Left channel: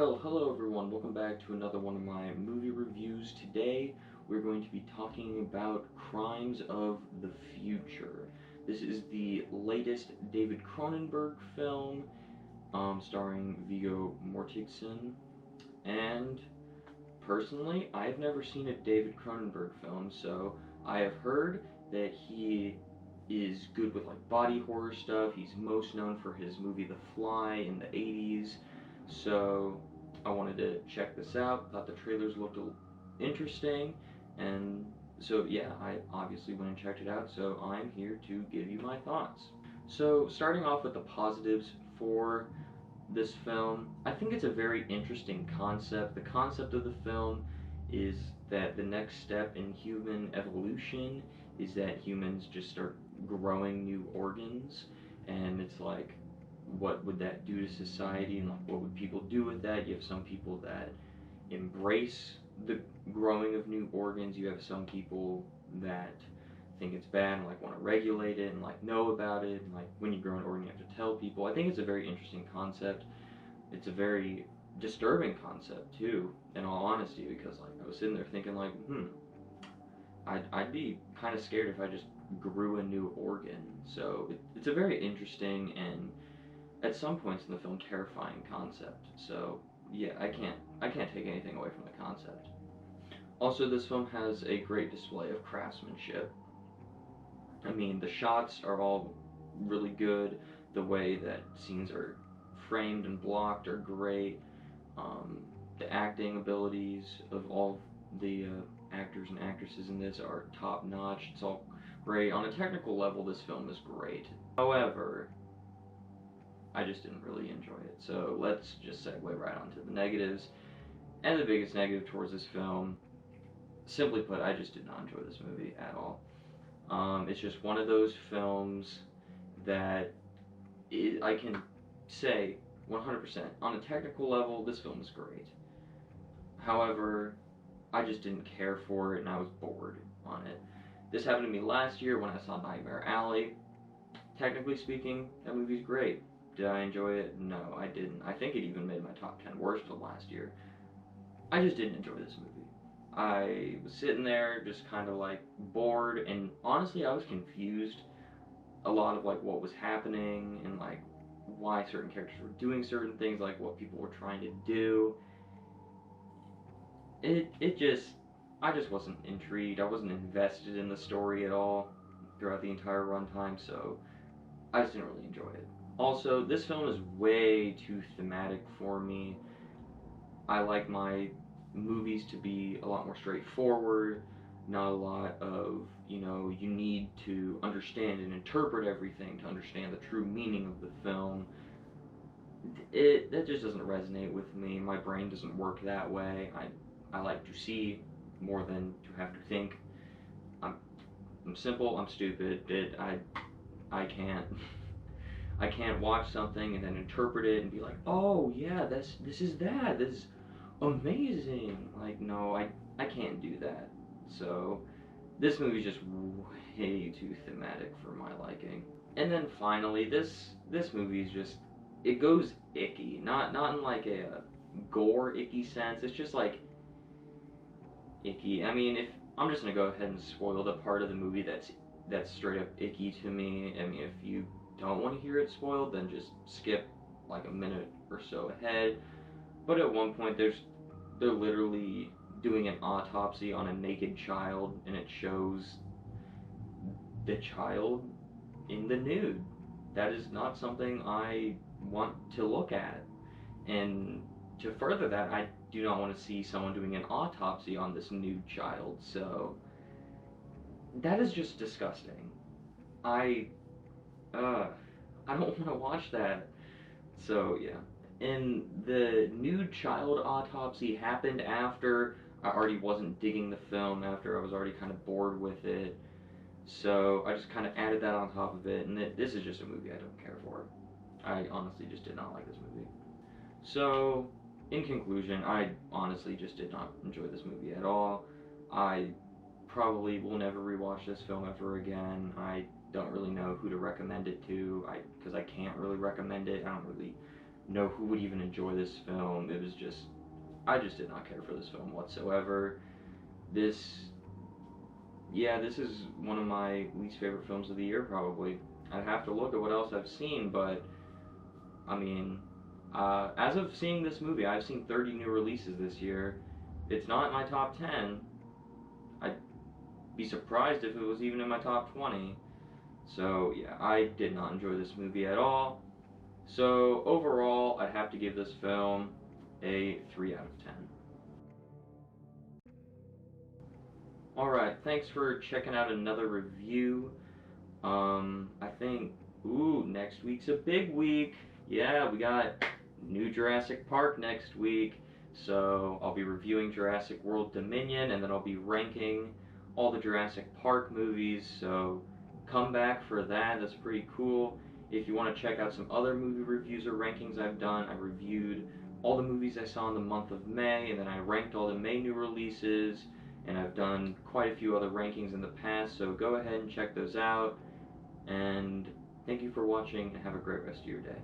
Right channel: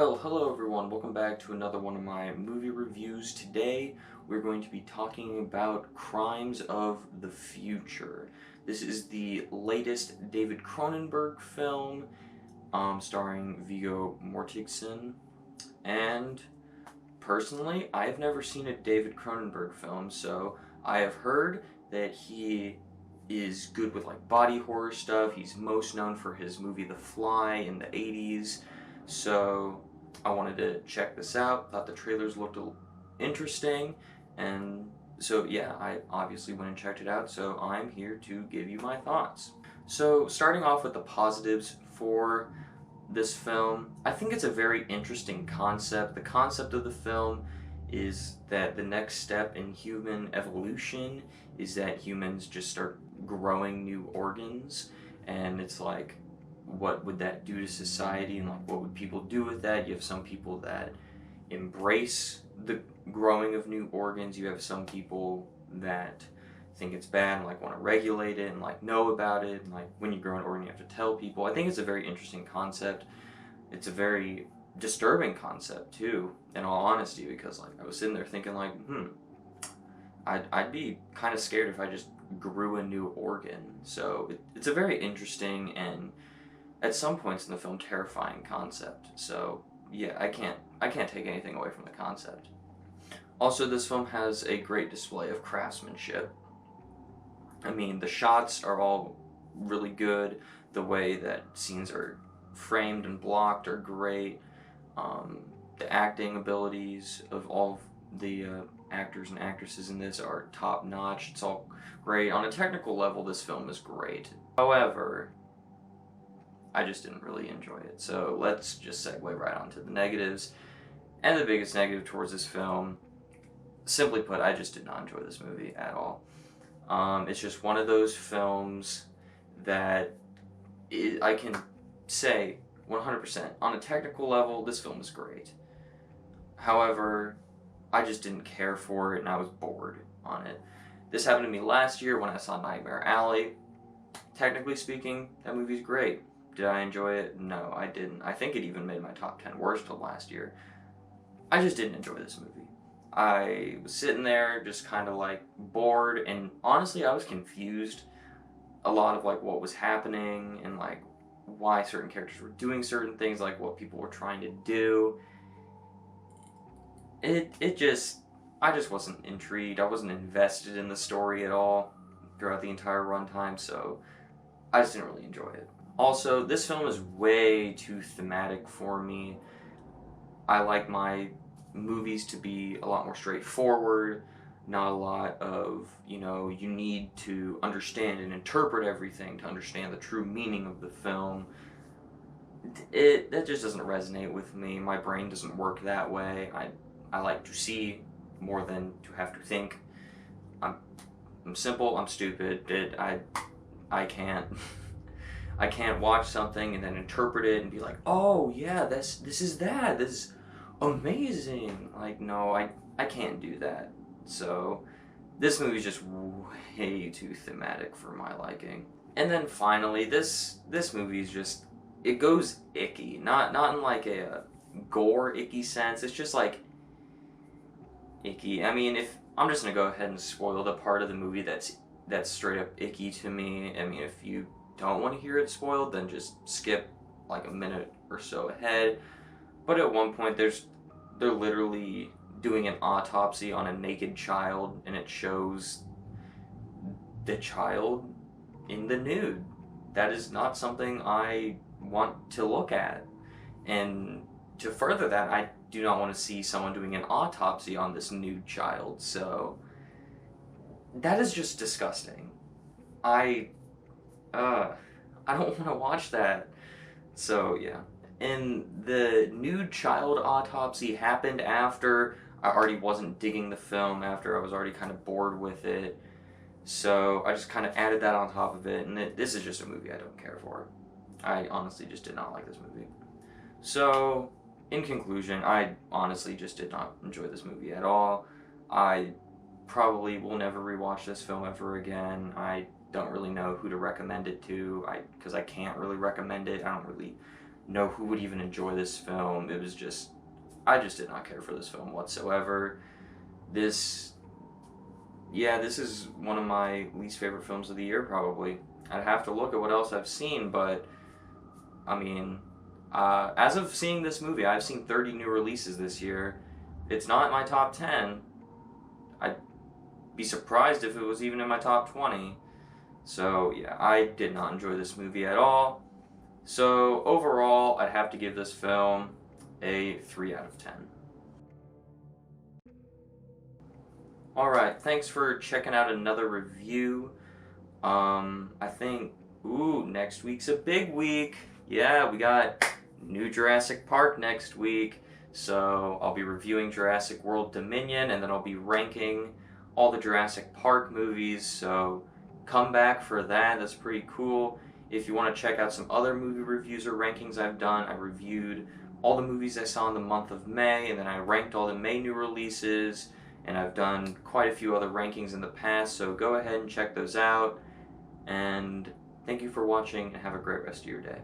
Well, hello everyone, welcome back to another one of my movie reviews. Today, we're going to be talking about Crimes of the Future. This is the latest David Cronenberg film, starring Viggo Mortensen, and personally, I've never seen a David Cronenberg film, so I have heard that he is good with like body horror stuff. He's most known for his movie The Fly in the 80s. So I wanted to check this out. Thought the trailers looked interesting, and so yeah, I obviously went and checked it out. So I'm here to give you my thoughts. So starting off with the positives for this film, I think it's a very interesting concept. The concept of the film is that the next step in human evolution is that humans just start growing new organs, and it's like, what would that do to society, and like what would people do with that? You have some people that embrace the growing of new organs. You have some people that think it's bad and like want to regulate it and like know about it, and like when you grow an organ you have to tell people. I think it's a very interesting concept. It's a very disturbing concept too, in all honesty, because like I was sitting there thinking like, I'd be kind of scared if I just grew a new organ. So it's a very interesting and at some points in the film terrifying concept. So yeah, I can't take anything away from the concept. Also, this film has a great display of craftsmanship. I mean, the shots are all really good. The way that scenes are framed and blocked are great. Um, the acting abilities of all of the actors and actresses in this are top notch. It's all great. On a technical level, this film is great. However, I just didn't really enjoy it. So let's just segue right onto the negatives. And the biggest negative towards this film, simply put, I just did not enjoy this movie at all. It's just one of those films that I can say 100% on a technical level, this film is great. However, I just didn't care for it and I was bored on it. This happened to me last year when I saw Nightmare Alley. Technically speaking, that movie's great. Did I enjoy it? No, I didn't. I think it even made my top 10 worst of last year. I just didn't enjoy this movie. I was sitting there just kind of like bored, and honestly, I was confused a lot of like what was happening and like why certain characters were doing certain things, like what people were trying to do. I just wasn't intrigued. I wasn't invested in the story at all throughout the entire runtime, so I just didn't really enjoy it. Also, this film is way too thematic for me. I like my movies to be a lot more straightforward, not a lot of, you need to understand and interpret everything to understand the true meaning of the film. That just doesn't resonate with me. My brain doesn't work that way. I like to see more than to have to think. I'm I'm simple, I'm stupid. I can't I can't watch something and then interpret it and be like, "Oh, yeah, this is that. This is amazing." Like, no, I can't do that. So, this movie's just way too thematic for my liking. And then finally, this movie's just, it goes icky. Not in like a gore icky sense. It's just like icky. I mean, if I'm just gonna go ahead and spoil the part of the movie that's straight up icky to me. I mean, if you don't want to hear it spoiled, then just skip like a minute or so ahead. But at one point, they're literally doing an autopsy on a naked child, and it shows the child in the nude. That is not something I want to look at. And to further that, I do not want to see someone doing an autopsy on this nude child. So that is just disgusting. I uh I don't want to watch that. So yeah. And the nude child autopsy happened after I already wasn't digging the film, after I was already kind of bored with it. So I just kind of added that on top of it, and this is just a movie I don't care for. I honestly just did not like this movie. So, in conclusion, I honestly just did not enjoy this movie at all. I probably will never rewatch this film ever again. I don't really know who to recommend it to, because I can't really recommend it. I don't really know who would even enjoy this film. It was just, I just did not care for this film whatsoever. This, yeah, this is one of my least favorite films of the year, probably. I'd have to look at what else I've seen, but I mean, as of seeing this movie, I've seen 30 new releases this year. It's not in my top 10. I'd be surprised if it was even in my top 20. So, yeah, I did not enjoy this movie at all. So, overall, I'd have to give this film a 3 out of 10. Alright, thanks for checking out another review. I think, next week's a big week. Yeah, we got new Jurassic Park next week. So I'll be reviewing Jurassic World Dominion, and then I'll be ranking all the Jurassic Park movies. So come back for that. That's pretty cool. If you want to check out some other movie reviews or rankings I've done, I reviewed all the movies I saw in the month of May, and then I ranked all the May new releases, and I've done quite a few other rankings in the past, so go ahead and check those out. And thank you for watching, and have a great rest of your day.